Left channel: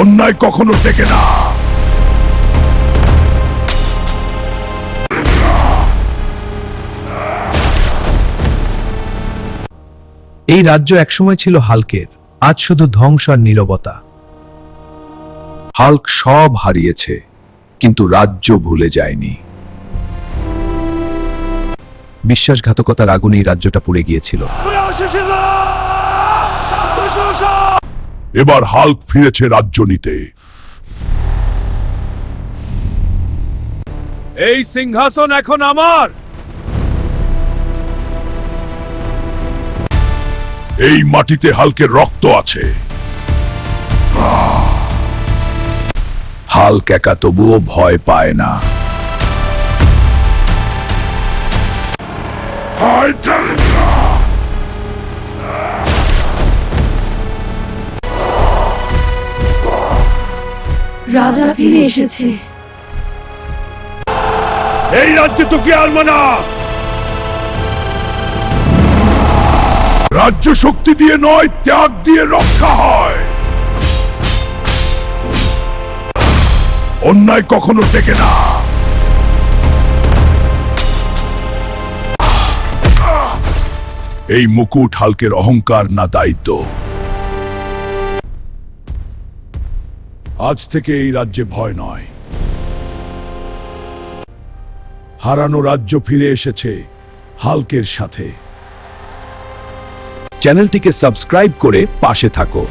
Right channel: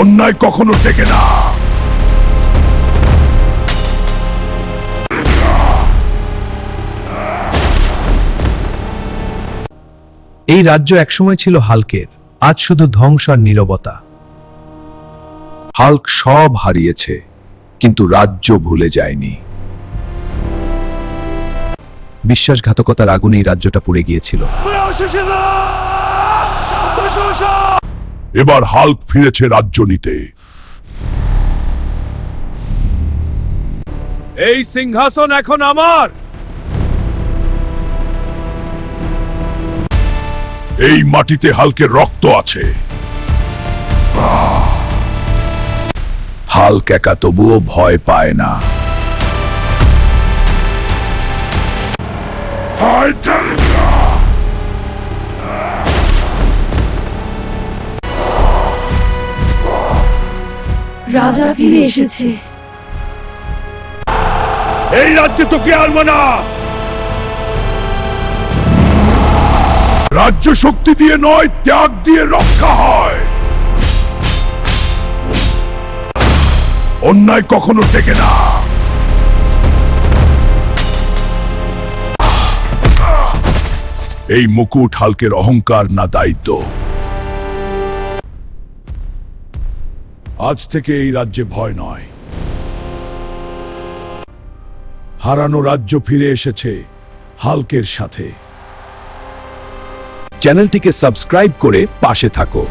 অন্যায় কখনো টেকে না। এই রাজ্য একসময় ছিল হাল্কের, আজ শুধু ধ্বংস আর নীরবতা। হাল্ক সব হারিয়েছে, কিন্তু রাজ্য ভুলে যায়নি। বিশ্বাসঘাতকতার আগুনে এই রাজ্যটা পড়ে গিয়েছিল। এবার হাল্ক ফিরেছে রাজ্য নিতে। এই সিংহাসন এখন আমার। এই মাটিতে হাল্কের রক্ত আছে। হাল্ক একা তবুও ভয় পায় না। রাজা ফিরে এসেছে। এই রাজ্যে তোকে আরবো না। রাজ্য শক্তি দিয়ে নয়, ত্যাগ দিয়ে রক্ষা হয়। অন্যায় কখনো টেকে না। এই মুকুট হাল্কের অহংকার না দায়িত্ব। আজ থেকে এই রাজ্যে ভয় নয়। হারানো রাজ্য ফিরে এসেছে হাল্কের সাথে। চ্যানেলটিকে সাবস্ক্রাইব করে পাশে থাকো।